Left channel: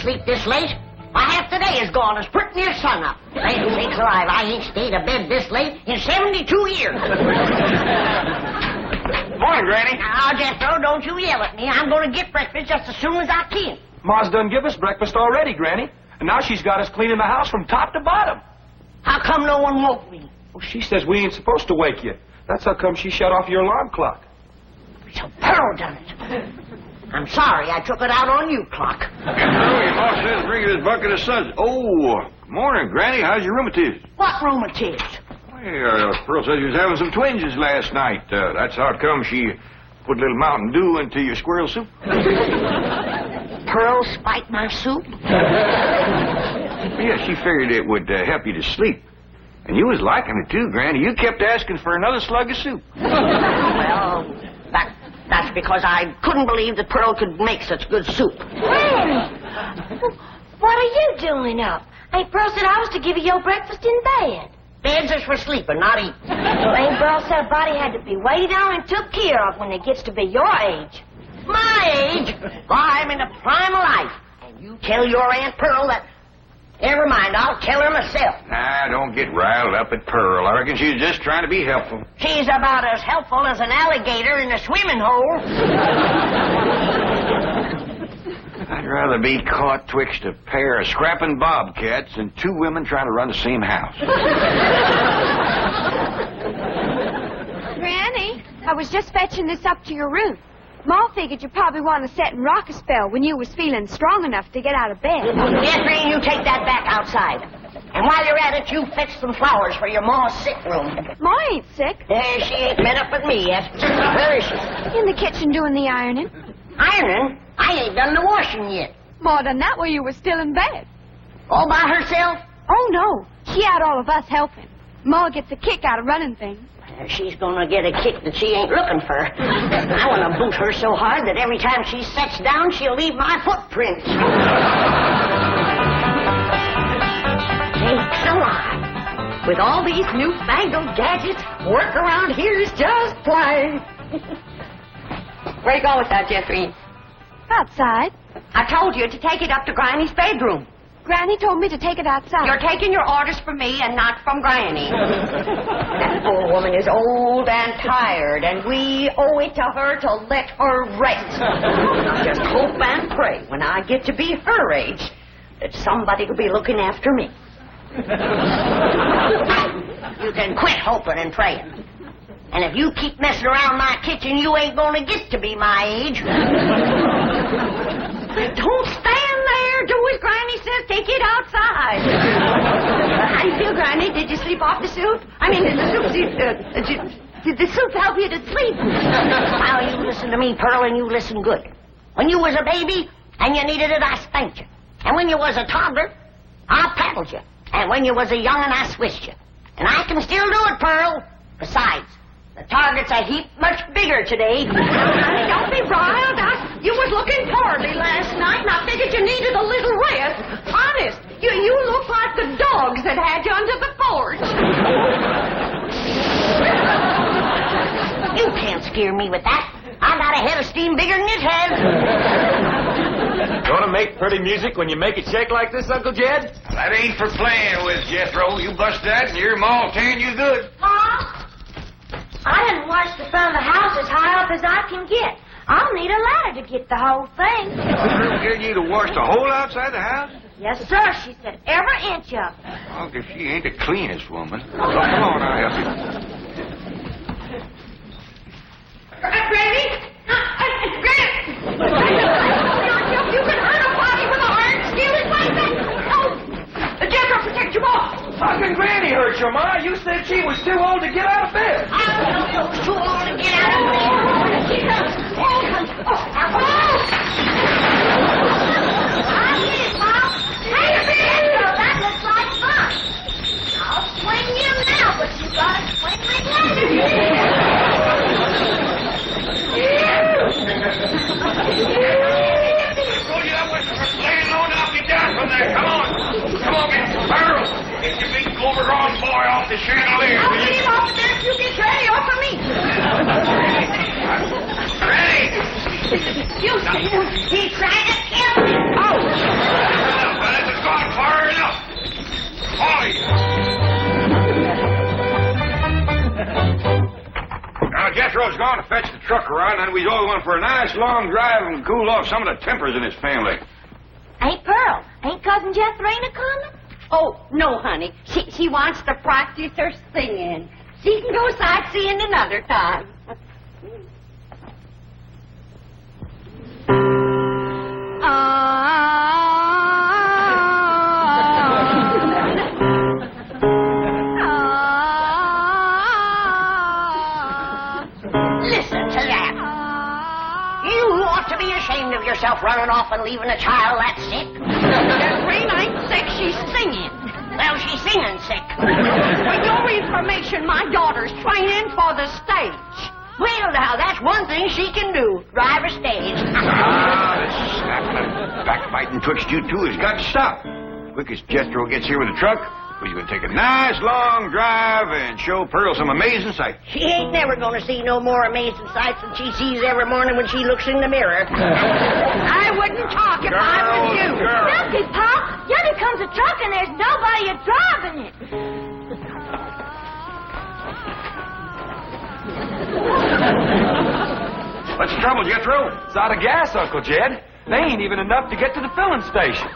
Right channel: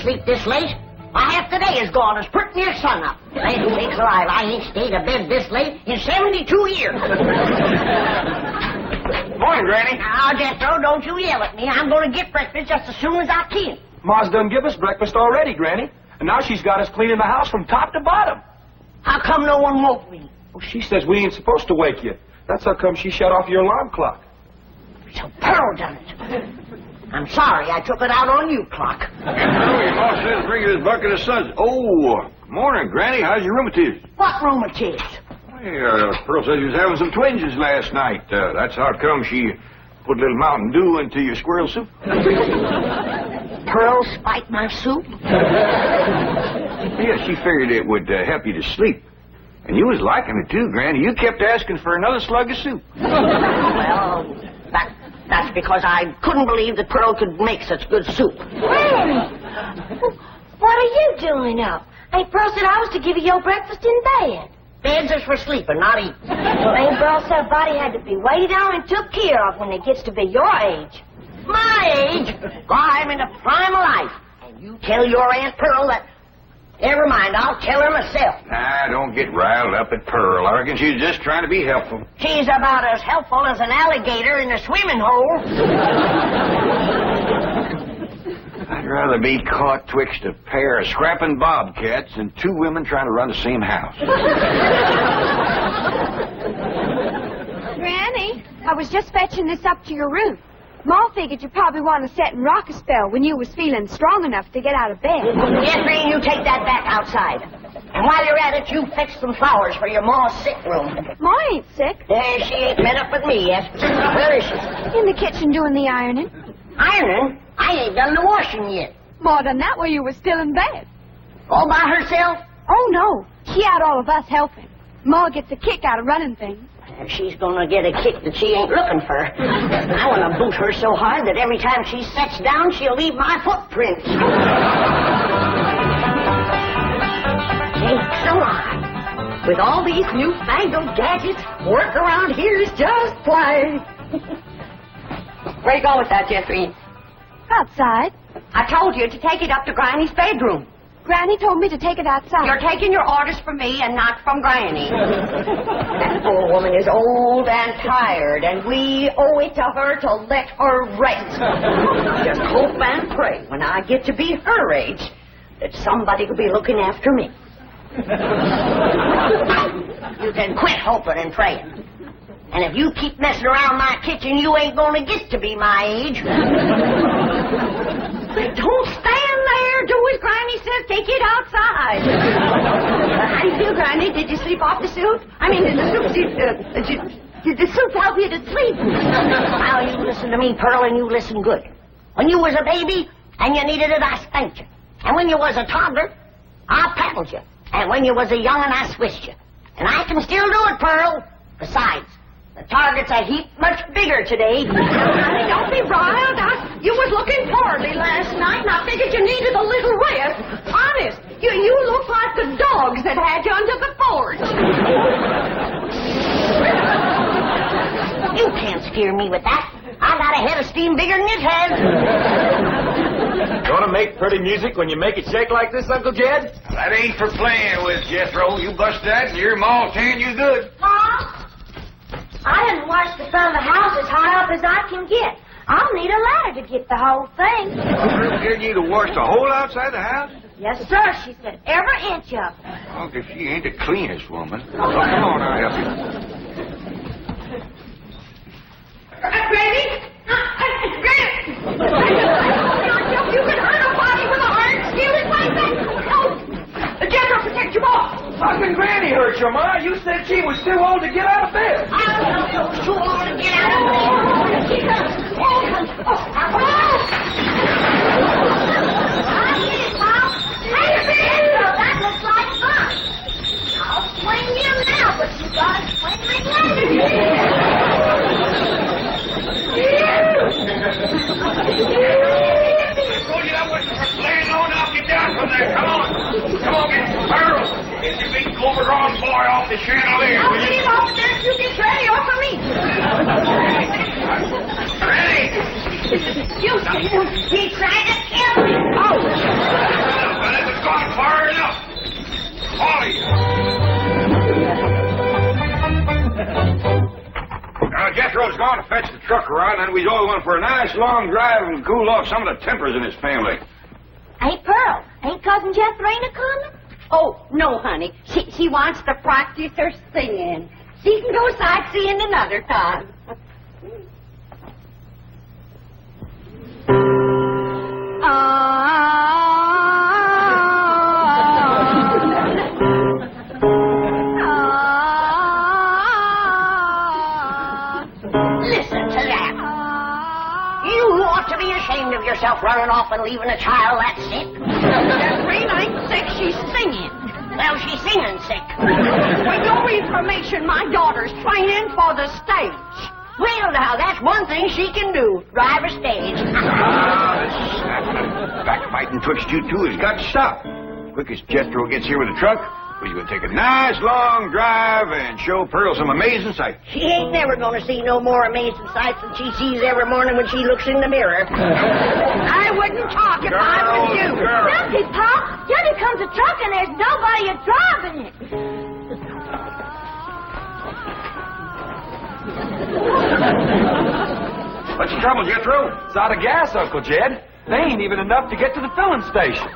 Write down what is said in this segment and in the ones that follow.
sleep this late. My half the day is gone as put near sun up. Land sakes alive, I ain't stayed abed this late in 72 years. Morning, Granny. Now, Jethro, don't you yell at me. I'm going to get breakfast just as soon as I can. Ma's done give us breakfast already, Granny. And now she's got us cleaning the house from top to bottom. How come no one woke me? Well, she says we ain't supposed to wake you. That's how come she shut off your alarm clock. So Pearl done it. I'm sorry I took it out on you, Clock. Your boss says bring you this bucket of suds. Oh, morning, Granny. How's your rheumatism? What rheumatism? Well, Pearl says you was having some twinges last night. That's how it come she put a little Mountain Dew into your squirrel soup. Pearl spiked my soup? Yeah, she figured it would help you to sleep. And you was liking it, too, Granny. You kept asking for another slug of soup. Well, that's because I couldn't believe that Pearl could make such good soup. Granny, what are you doing up? Aunt Pearl said I was to give you your breakfast in bed. Beds is for sleeping, not eating. Aunt Pearl said a body had to be waited on and took care of when it gets to be your age. My age? Why, I'm in the prime of life. And you tell your Aunt Pearl that... Never mind, I'll tell her myself. Nah, don't get riled up at Pearl. I reckon she's just trying to be helpful. She's about as helpful as an alligator in a swimming hole. I'd rather be caught twixt a pair of scrapping bobcats than two women trying to run the same house. Granny, I was just fetching this up to your room. Ma figured you probably want to sit and rock a spell when you was feeling strong enough to get out of bed. Jeffrey, you take that back outside. And while you're at it, you fetch some flowers for your ma's sick room. Ma ain't sick. She ain't met up with me yet. Where is she? In the kitchen doing the ironing. Ironing? I ain't done the washing yet. Ma done that while you was still in bed. All by herself? Oh, no. She had all of us helping. Ma gets a kick out of running things. She's gonna get a kick that she ain't looking for. I want to boot her so hard that every time she sets down, she'll leave my footprints. Sakes alive. With all these newfangled gadgets, work around here is just plain. Where you going with that, Jeffrey? Outside. I told you to take it up to Granny's bedroom. Granny told me to take it outside. You're taking your orders from me and not from Granny. That poor woman is old and tired, and we owe it to her to let her rest. Just hope and pray when I get to be her age that somebody will be looking after me. You can quit hoping and praying. And if you keep messing around my kitchen, you ain't gonna get to be my age. Don't stand there. Do as Granny says. Take it outside. How do you feel, Granny? Did you sleep off the soup? I mean, the soup. Did the soup help you to sleep? Now, you listen to me, Pearl, and you listen good. When you was a baby and you needed it, I spanked you. And when you was a toddler, I paddled you. And when you was a young'un, I switched you. And I can still do it, Pearl. Besides, the target's a heap much bigger today. Don't be riled. You was looking poorly last night, and I figured you needed a little rest. Honest, you look like the dogs that had you under the porch. You can't scare me with that. I got a head of steam bigger than it has. Gonna make pretty music when you make it shake like this, Uncle Jed? That ain't for playing with, Jethro. You bust that and your ma'll tan you good. Mom, I didn't wash the front of the house as high up as I can get. I'll need a ladder to get the whole thing. Pearl getting you to wash the whole outside the house? Yes, sir. She said every inch of it. Oh, if she ain't the cleanest woman. Oh, come on, I'll help you. Granny? Granny! You can hurt a body with a iron skillet like that? Oh! Jethro, protect your ball! How can Granny hurt you, Ma? You said she was too old to get out of bed. I don't know too old to get out of bed. I get it, Mom. Hey, that looks like fun. I'll swing you now, but you gotta swing me later. Roll you up with laying low now, get down from there. Come on. Come on, get Pearl. Get your big overgrown boy off the chandelier. I'll get him off there if you get ready off of me. Ready? You, he tried to kill me. Oh. Jethro's gone to fetch the truck around, and we all went for a nice long drive and cool off some of the tempers in his family. Hey, Pearl, ain't Cousin Jethrina coming? Oh, no, honey. She wants to practice her singing. She can go sightseeing another time. Listen to that. You ought to be ashamed of yourself running off and leaving a child that sick. Jethrina ain't sick, she's singing. Well, she's singing sick. For your information, my daughter's training for the stage. Well, now, that's one thing she can do, drive a stage. This snapping and backbiting twixt you two has got to stop. Quick as Jethro gets here with the truck, we're going to take a nice long drive and show Pearl some amazing sights. She ain't never going to see no more amazing sights than she sees every morning when she looks in the mirror. I wouldn't talk if I were you. Look it, Pa. Yonder comes a truck and there's nobody driving it. What's the trouble, Jethro? It's out of gas, Uncle Jed. They ain't even enough to get to the filling station.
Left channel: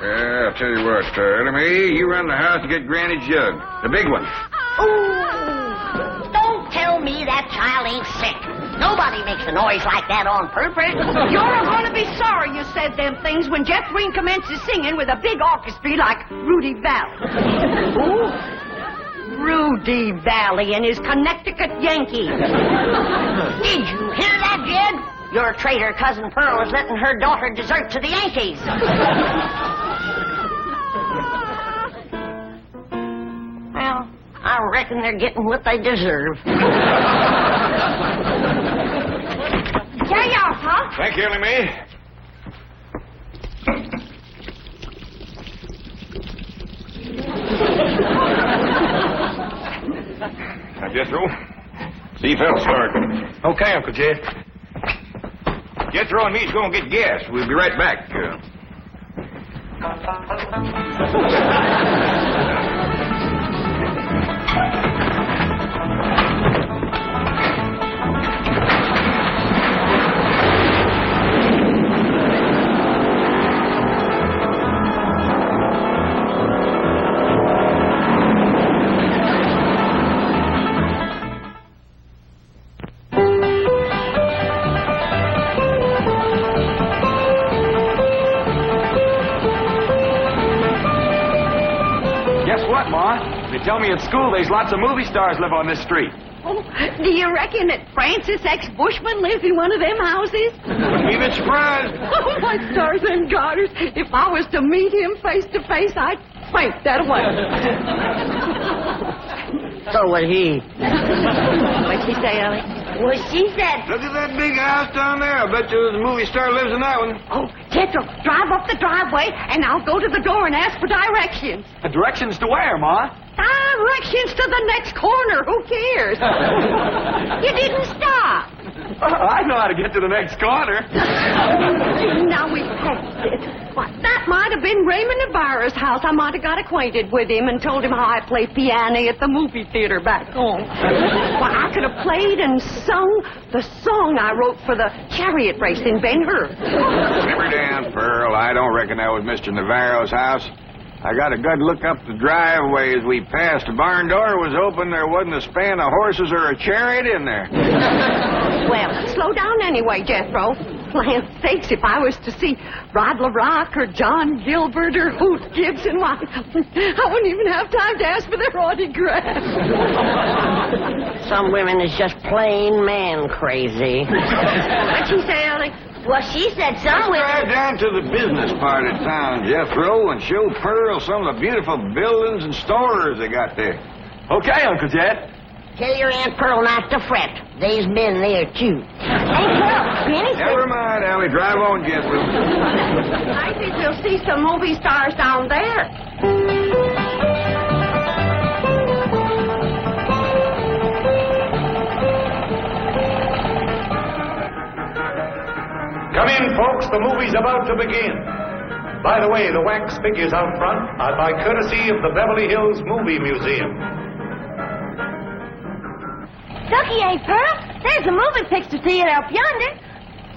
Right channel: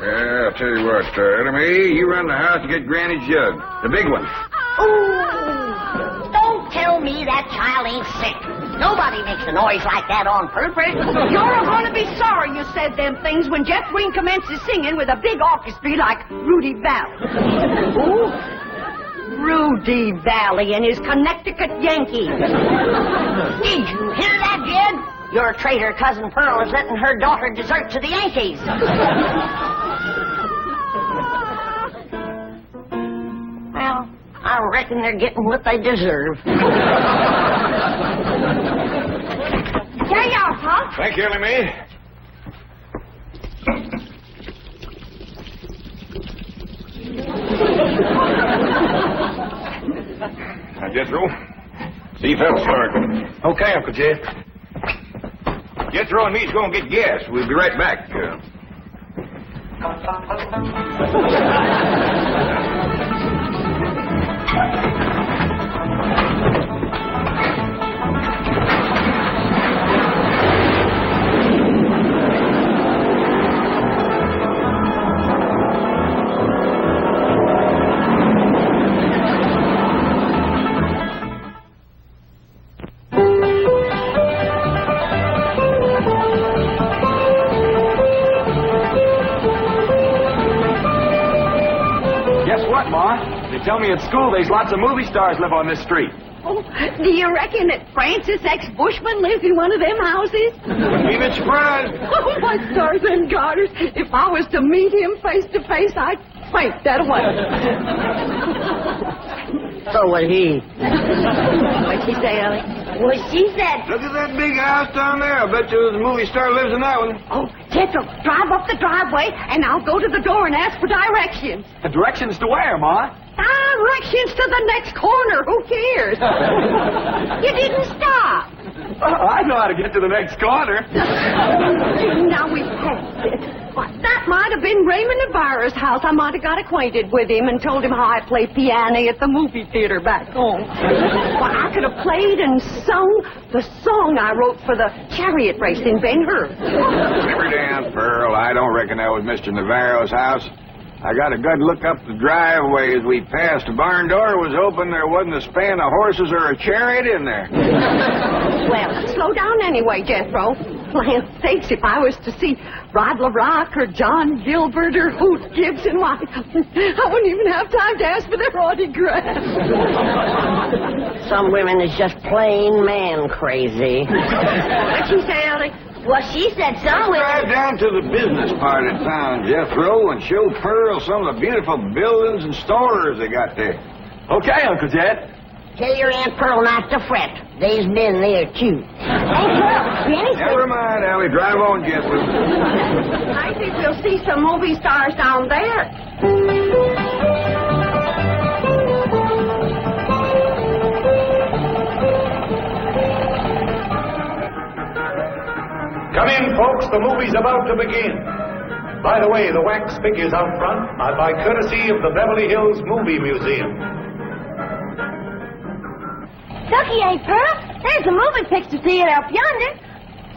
Yeah, I'll tell you what, Ellie, you run the house to get Granny's jug. The big one. Ooh, don't tell me that child ain't sick. Nobody makes a noise like that on purpose. You're going to be sorry you said them things when Jethrina commences singing with a big orchestra like Rudy Valley. Who? Rudy Valley and his Connecticut Yankees. Did you hear that, Jed? Your traitor cousin Pearl is letting her daughter desert to the Yankees. Well, I reckon they're getting what they deserve. Here you are, Pa. Thank you, Ellie. Now, Jethro, see if that'll start. Okay, Uncle Jed. Jethro and me's going to get gas. We'll be right back. Guess what, Ma? They tell me at school there's lots of movie stars live on this street. Oh, do you reckon that Francis X. Bushman lives in one of them houses? Wouldn't be a bit surprised. Oh, my stars and garters. If I was to meet him face to face, I'd faint that way. So would he. What'd she say, Ellie? Well, she said... Look at that big house down there. I bet you the movie star lives in that one. Oh, Jethro, drive up the driveway, and I'll go to the door and ask for directions. The directions to where, Ma? Directions to the next corner. Who cares? You didn't stop. I know how to get to the next corner. Now we passed it. Well, that might have been Raymond Navarro's house. I might have got acquainted with him and told him how I play piano at the movie theater back home. Well, I could have played and sung the song I wrote for the chariot race in Ben-Hur. Simmer down, Pearl. I don't reckon that was Mr. Navarro's house. I got a good look up the driveway as we passed. The barn door was open. There wasn't a span of horses or a chariot in there. Well, slow down anyway, Jethro. Land sakes, if I was to see Rod LaRock or John Gilbert or Hoot Gibson, why, I wouldn't even have time to ask for their autograph. Some women is just plain man crazy. What'd she say, Ellie? Well, she said some women... Drive down to the business part of town, Jethro, and show Pearl some of the beautiful buildings and stores they got there. Okay, Uncle Jed. Tell your Aunt Pearl not to fret. They's been there, too. Hey, Pearl, Granny said... Never mind, Allie. Drive on, Jethro. I think we'll see some movie stars down there. Come in, folks. The movie's about to begin. By the way, the wax figures out front are by courtesy of the Beverly Hills Movie Museum. Ducky, ain't Pearl? There's a moving picture theater up yonder.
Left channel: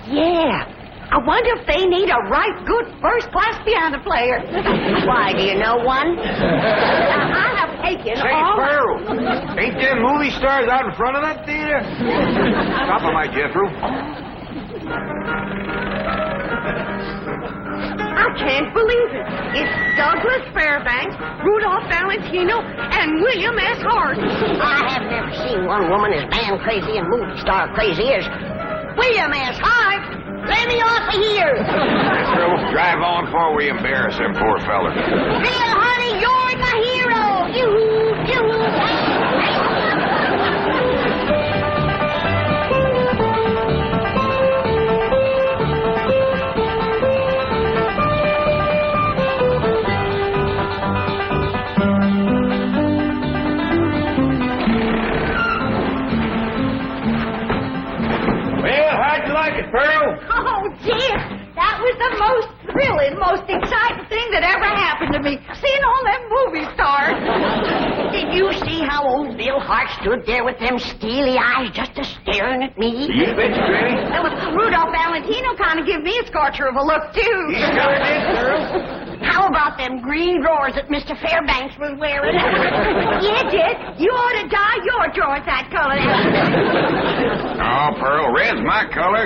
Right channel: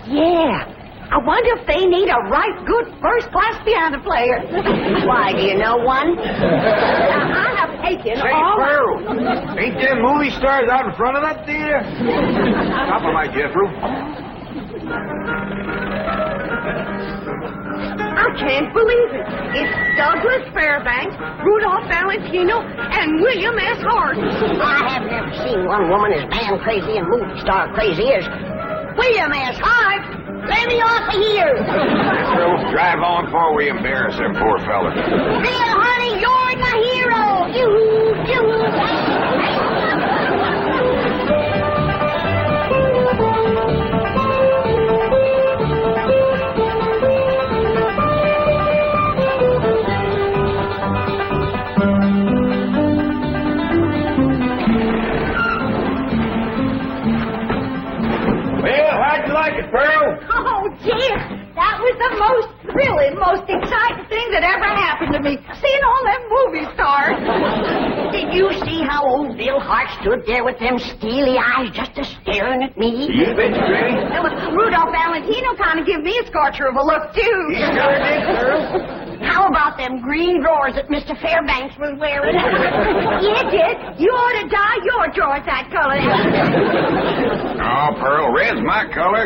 Yeah. I wonder if they need a right good first-class piano player. Why, do you know one? I have taken Say, all... Pearl, ain't them movie stars out in front of that theater? Top of my Jethro. I can't believe it. It's Douglas Fairbanks, Rudolph Valentino, and William S. Hart. I have never seen one woman as man crazy and movie star crazy as William S. Hart. Let me off of here. Pearl, drive on before we embarrass them poor fellas. Bill, honey, you're my hero. You. Pearl? Oh, dear. That was the most thrilling, most exciting thing that ever happened to me. Seeing all them movie stars. Did you see how old Bill Hart stood there with them steely eyes just a-staring at me? You bet, Granny. Rudolph Valentino kind of give me a scorcher of a look, too. He sure did, Pearl. How about them green drawers that Mr. Fairbanks was wearing? Yeah, Dick. You ought to dye your drawers that color. Oh, Pearl, red's my color.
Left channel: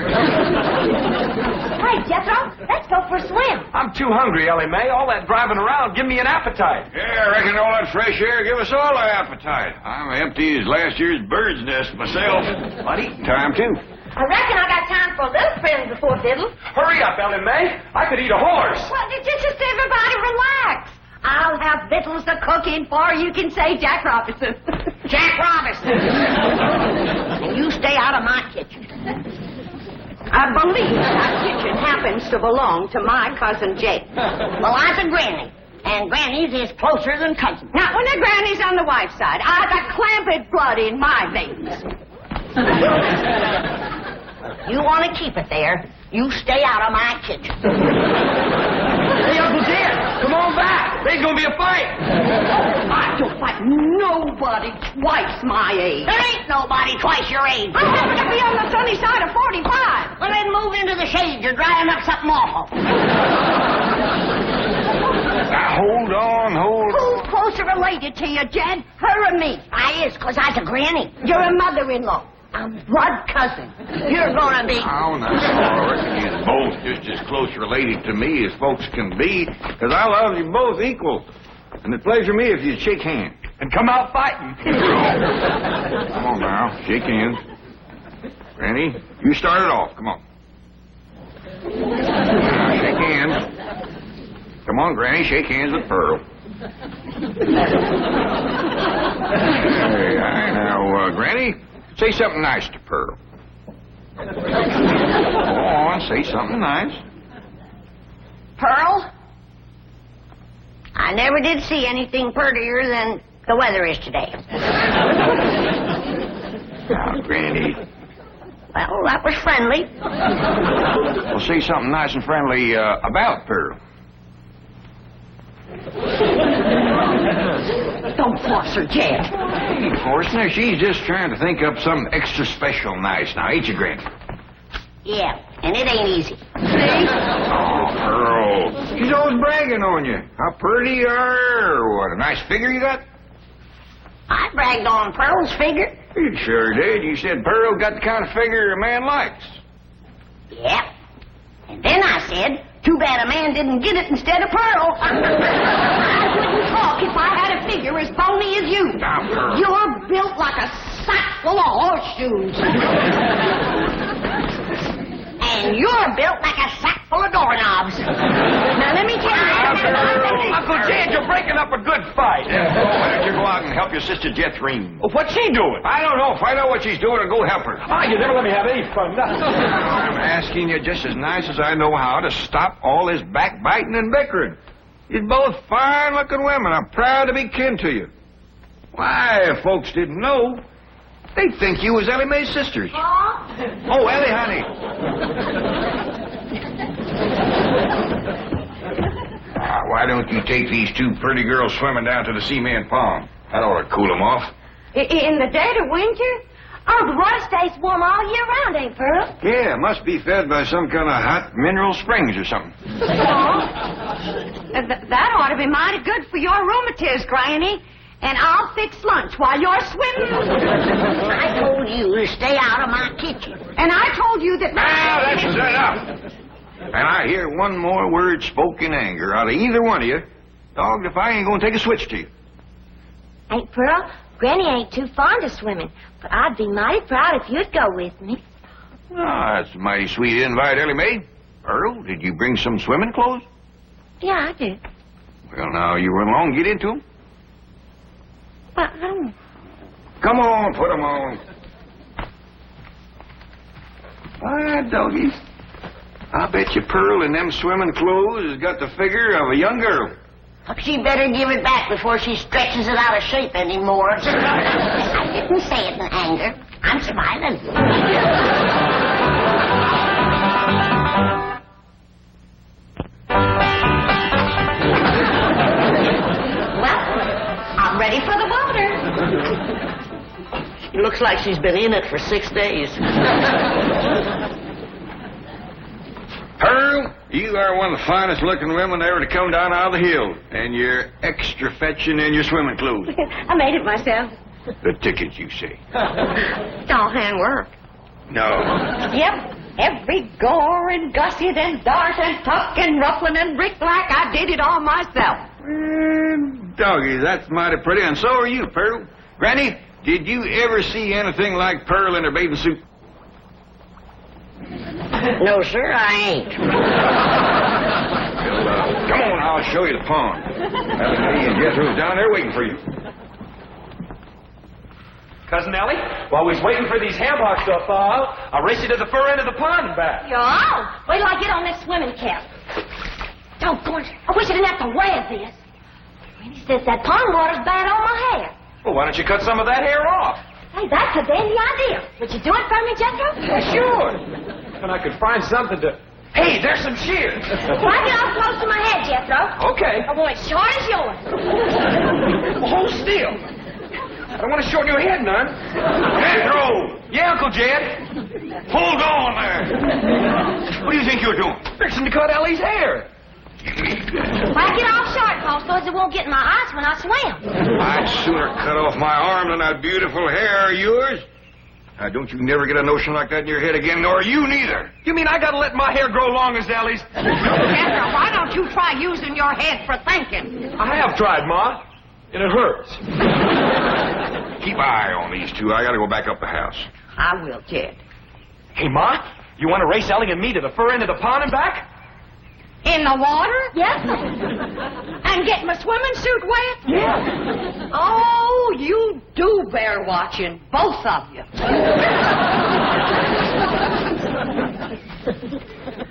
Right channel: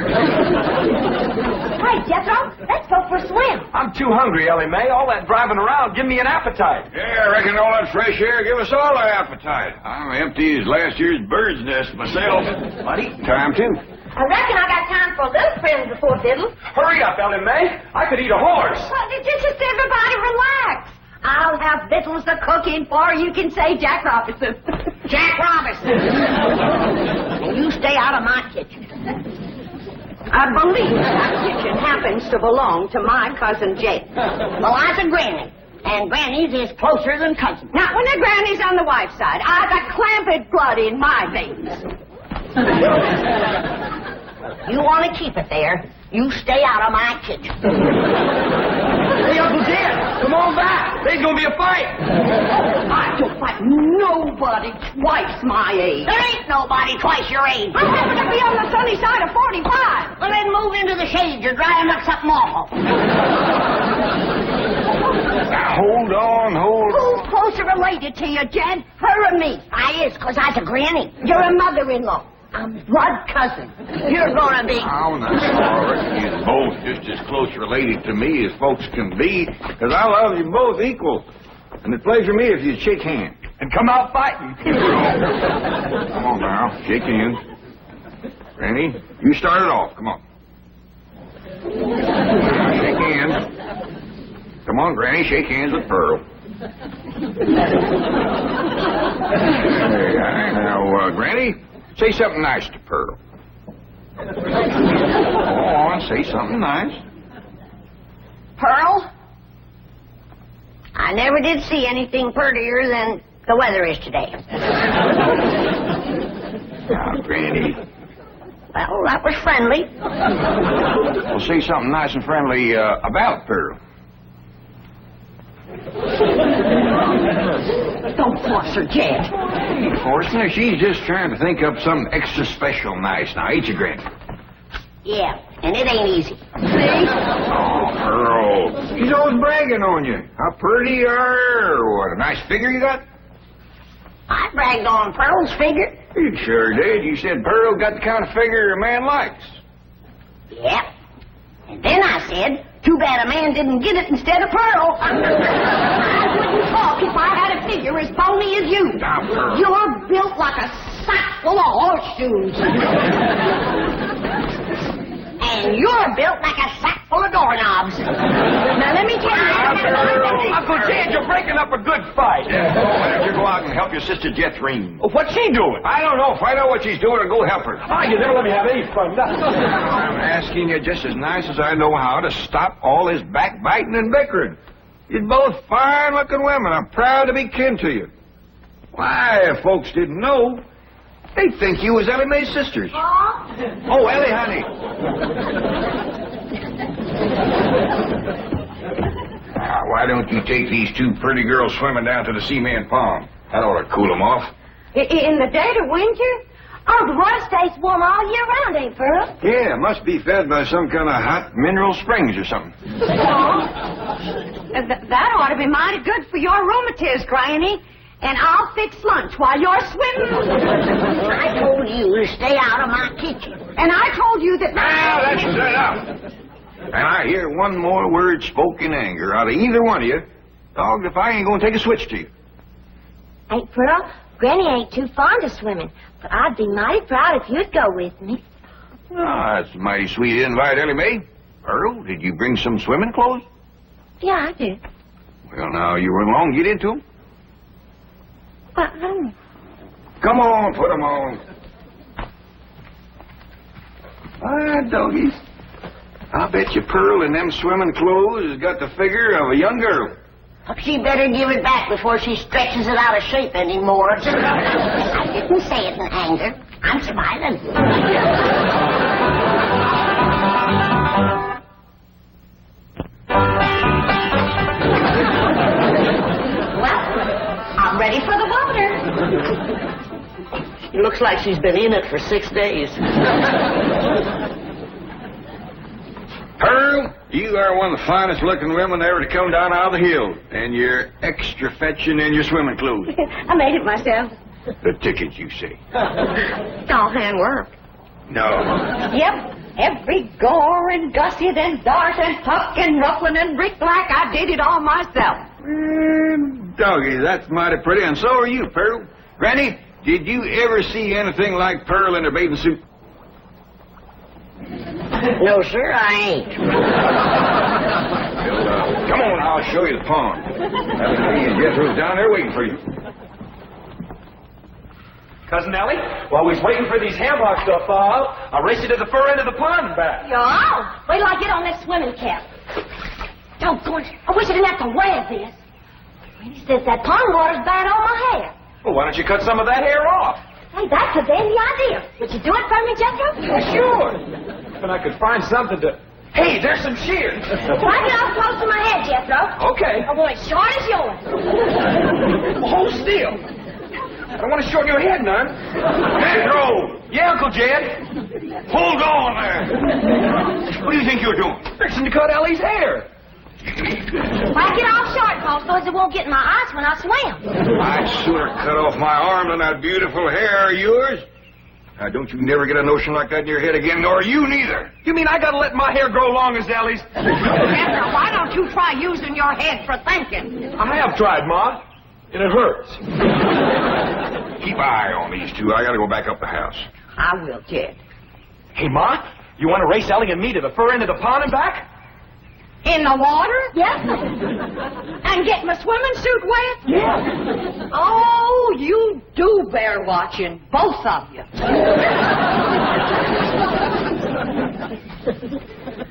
Hey, Jethro, let's go for a swim. I'm too hungry, Ellie Mae. All that driving around give me an appetite. Yeah, I reckon all that fresh air give us all an appetite. I'm empty as last year's bird's nest myself. But eating time, too. I reckon I got time for a little friends before diddle. Hurry up, Ellie Mae. I could eat a horse. Well, just everybody relax. I'll have victuals to cook in for you can say Jack Robinson. Jack Robinson. And you stay out of my kitchen. I believe that kitchen happens to belong to my cousin Jake. Well, I'm a granny. And grannies is closer than cousins. Now, when the granny's on the wife's side, I've got clamped blood in my veins. You want to keep it there, you stay out of my kitchen. Hey, Uncle Jed, come on back. There's going to be a fight. I don't fight nobody twice my age. There ain't nobody twice your age. I happen to be on the sunny side of 45. Well, then move into the shade. You're drying up something awful. Now, hold on. Who's closer related to you, Jed? Her or me? I is, 'cause I's a granny. You're a mother-in-law. I'm blood cousin. You're gonna be... Oh, no. I reckon you're both just as close related to me as folks can be, 'cause I love you both equal. And it'd pleasure me if you'd shake hands. And come out fighting. Come on now, shake hands. Granny, you start it off. Come on. Now, shake hands. Come on, Granny, shake hands with Pearl. Now, Granny, say something nice to Pearl. Go on, say something nice. Pearl? I never did see anything prettier than the weather is today. Now, Granny. Well, that was friendly. Well, say something nice and friendly about Pearl. Don't force her, Jed. Of course, now, she's just trying to think up something extra special nice. Now, ain't you, Granny? Yeah, and it ain't easy. See? Oh, Pearl. She's always bragging on you. How pretty you are, or what, a nice figure you got? I bragged on Pearl's figure. You sure did. You said Pearl got the kind of figure a man likes. Yep. And then I said, too bad a man didn't get it instead of Pearl. I wouldn't talk if I had a figure as bony as you. Now, Pearl. You're built like a sack full of horseshoes. And you're built like a sack full of doorknobs. Now, let me tell you. Uncle Jed, you're breaking up a good fight. Why don't you go out and help your sister Jethrine? What's she doing? I don't know. Find out what she's doing and go help her. Ah, you never let me have any fun. I'm asking you just as nice as I know how to stop all this backbiting and bickering. You're both fine-looking women. I'm proud to be kin to you. Why, if folks didn't know, they'd think you was Ellie Mae's sisters. Oh, Ellie, honey. Why don't you take these two pretty girls swimming down to the Seaman Pond? That ought to cool them off. In the dead of winter? Oh, the water stays warm all year round, ain't Pearl? Yeah, it must be fed by some kind of hot mineral springs or something. That ought to be mighty good for your rheumatiz, Granny. And I'll fix lunch while you're swimming. I told you to stay out of my kitchen. And I told you that... Now, that's enough. And I hear one more word spoke in anger out of either one of you, dogged if I ain't going to take a switch to you. Ain't Pearl? Granny ain't too fond of swimming, but I'd be mighty proud if you'd go with me. Oh, that's a mighty sweet invite, Ellie Mae. Earl, did you bring some swimming clothes? Yeah, I did. Well, now, you run along, get into them. But, Come on, put them on. Why, doggies, I bet you Pearl in them swimming clothes has got the figure of a young girl. She better give it back before she stretches it out of shape anymore. I didn't say it in anger. I'm smiling. Well, I'm ready for the water. It looks like she's been in it for 6 days. Pearl, you are one of the finest looking women ever to come down out of the hill. And you're extra fetching in your swimming clothes. I made it myself. The ticket, you say? It's all handwork. No. Yep. Every gore and gusset and dart and tuck and ruffling and brick-black, I did it all myself. Doggy, that's mighty pretty, and so are you, Pearl. Granny, did you ever see anything like Pearl in her bathing suit? No, sir, I ain't. Well, come on, I'll show you the pond. Ellie Mae and Jethro's down there waiting for you. Cousin Ellie, while we's waiting for these ham hocks to thaw out, I'll race you to the fur end of the pond and back. Yo, wait till I get on this swimming cap. Doggone it. I wish I didn't have to wear this. Granny says that pond water's bad on my hair. Well, why don't you cut some of that hair off? Hey, that's a dandy idea. Would you do it for me, Jethro? Sure. And I could find something to... Hey, there's some shears. Why get off close to my head, Jethro? Okay. I want it short as yours. Hold still. I don't want to shorten your head none. Jethro! Yeah, Uncle Jed. Hold on there. What do you think you're doing? Fixing to cut Ellie's hair. Why get off short, Paul, so it won't get in my eyes when I swim? I'd sooner cut off my arm than that beautiful hair of yours. Now, don't you never get a notion like that in your head again, nor you neither. You mean I gotta let my hair grow long as Ellie's? Jethro, why don't you try using your head for thinking? I have tried, Ma, and it hurts. Keep an eye on these two. I gotta go back up the house. I will, Jed. Hey, Ma, you want to race Ellie and me to the fur end of the pond and back? In the water? Yes. And get my swimming suit wet? Yeah. Oh, you do bear watching, both of you.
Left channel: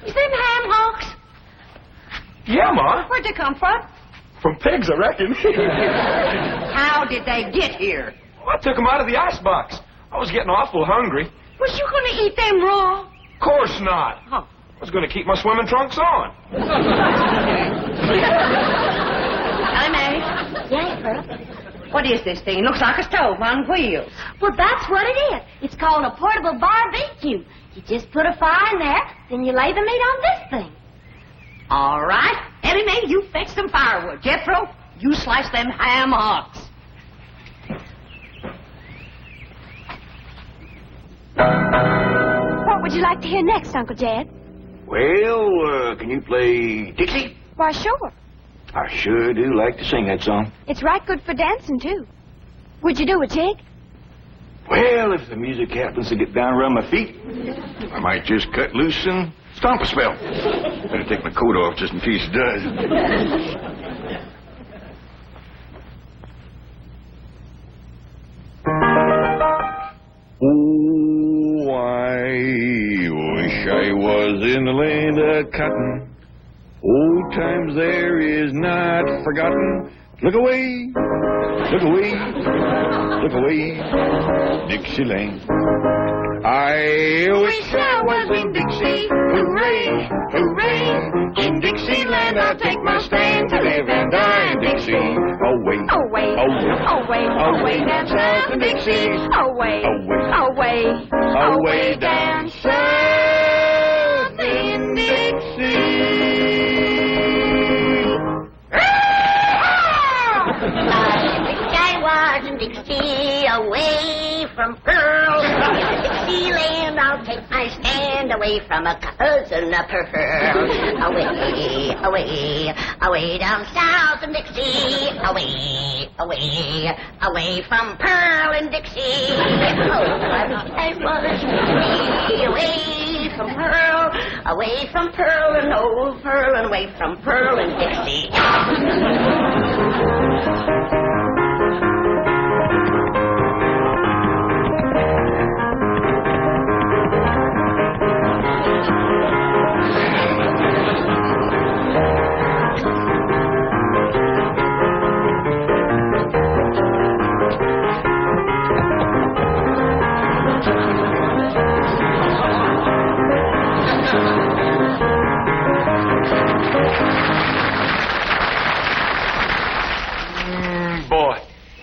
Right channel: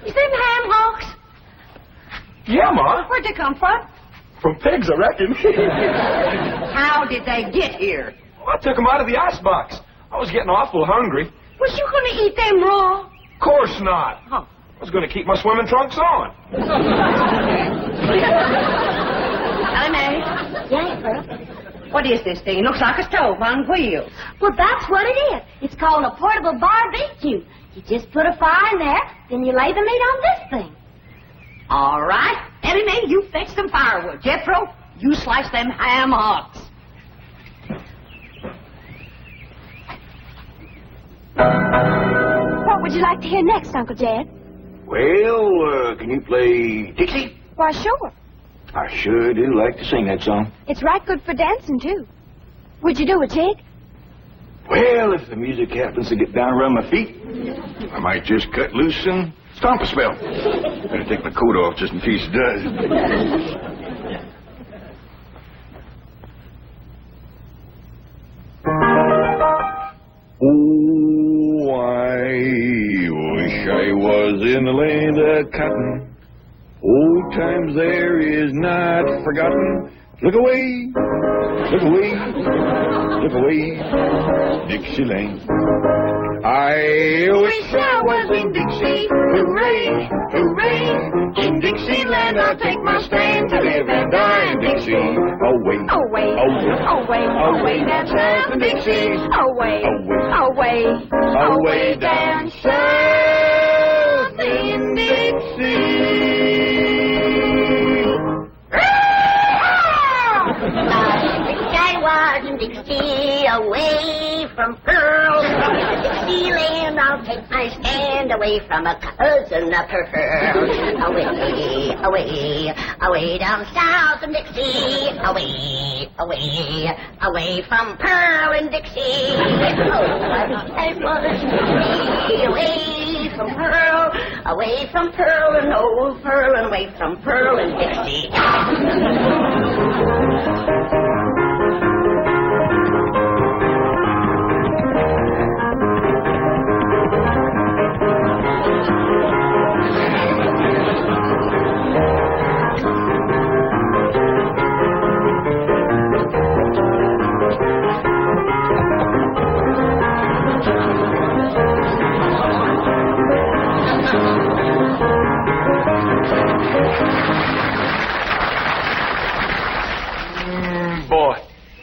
You them ham hocks? Yeah, Ma. Where'd they come from? From pigs, I reckon. How did they get here? I took them out of the icebox. I was getting awful hungry. Was you going to eat them raw? Of course not. Huh. I was going to keep my swimming trunks on. Ellie Mae, Yeah, Pearl. what is this thing? It looks like a stove on wheels. Well, that's what it is. It's called a portable barbecue. You just put a fire in there, then you lay the meat on this thing. All right. Ellie Mae, you fetch some firewood. Jethro, you slice them ham hocks. What would you like to hear next, Uncle Jed? Well, can you play Dixie? Why, sure. I sure do like to sing that song. It's right good for dancing, too. Would you do a jig? Well, if the music happens to get down around my feet, I might just cut loose and stomp a spell. Better take my coat off just in case it does. Oh, I wish I was in the land of cotton. Old times there is not forgotten. Look away, look away. slip away, Dixieland. I wish I was in Dixie, hooray, hooray. In Dixieland I'll take my stand to live and die in Dixie. Away, Away, away, away down south in Dixie. Away, away, away down south in Dixie. I was in Dixie, away from Pearl. Dixieland, I'll take my stand away from a cousin of Pearl. Away, away, away down south in Dixie. Away, away, away from Pearl and Dixie. Oh, I was away from Pearl, away from Pearl and old Pearl, and away from Pearl and Dixie. Boy,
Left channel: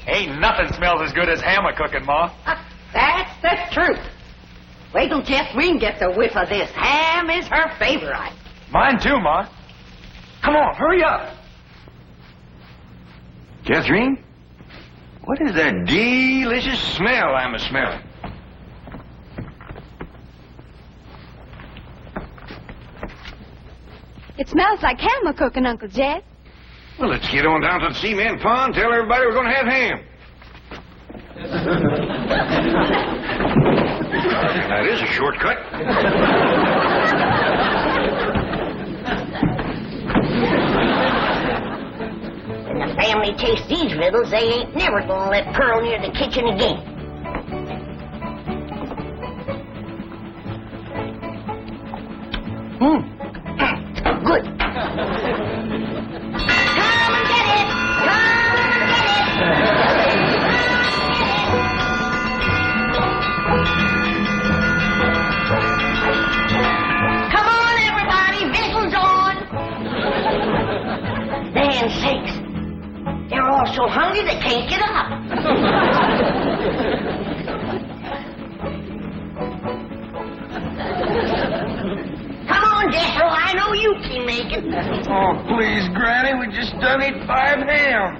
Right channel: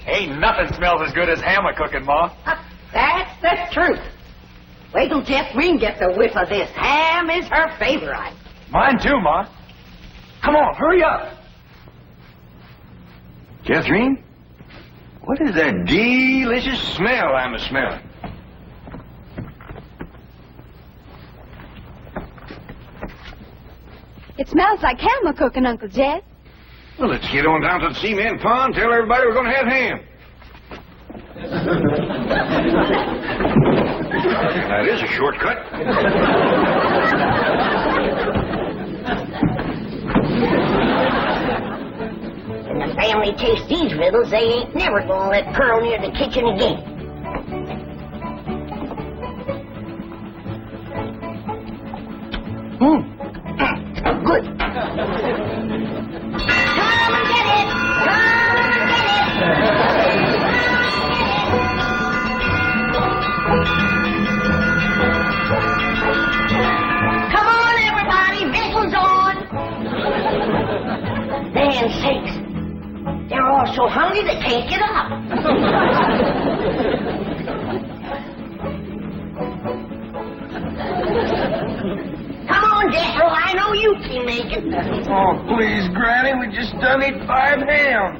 ain't nothing smells as good as hammer cooking, Ma. That's the truth. Wait till Jeffreen gets a whiff of this. Ham is her favorite. Mine too, Ma. Come on, hurry up. Catherine, what is that delicious smell I'm a-smelling? It smells like ham a cooking, Uncle Jed. Well, let's get on down to the cement pond, tell everybody we're going to have ham. That is a shortcut. When the family tastes these riddles, they ain't never gonna let Pearl near the kitchen again. Good. Come and get it! Come and get it! Come on, everybody! Victuals on! Man sakes! They're all so hungry they can't get up. Come on, Jethro, I know you can make it. Oh, please, Granny, we just done eat 5 hams.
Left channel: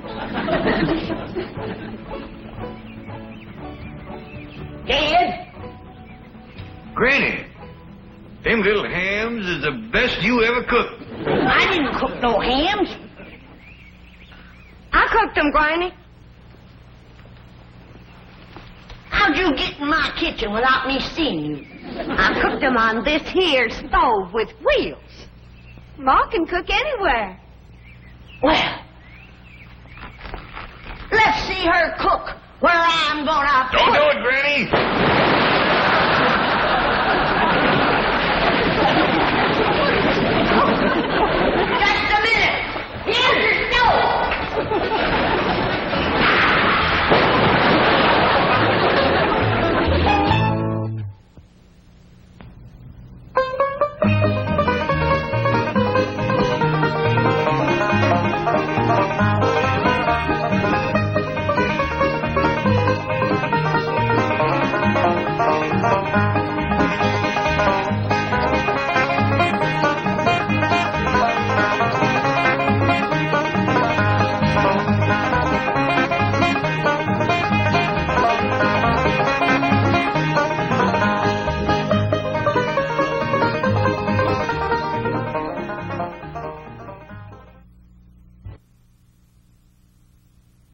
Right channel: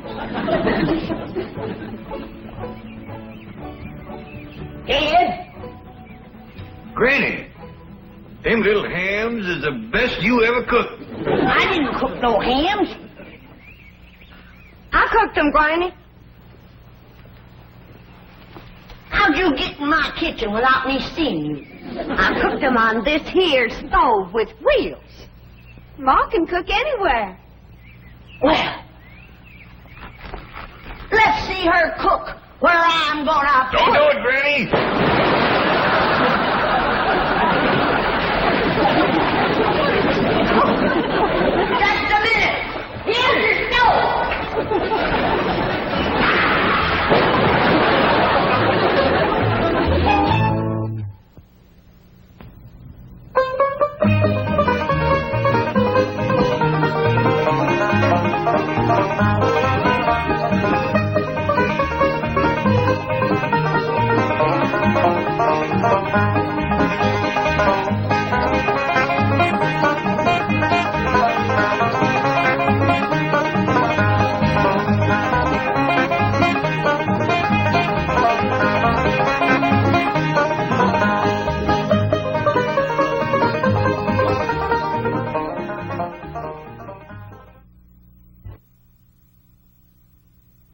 Ed? Granny, them little hams is the best you ever cooked. I didn't cook no hams. I cooked them, Granny. How'd you get in my kitchen without me seeing you? I cooked them on this here stove with wheels. Ma can cook anywhere. Well, let's see her cook where I'm gonna Don't do it, Granny.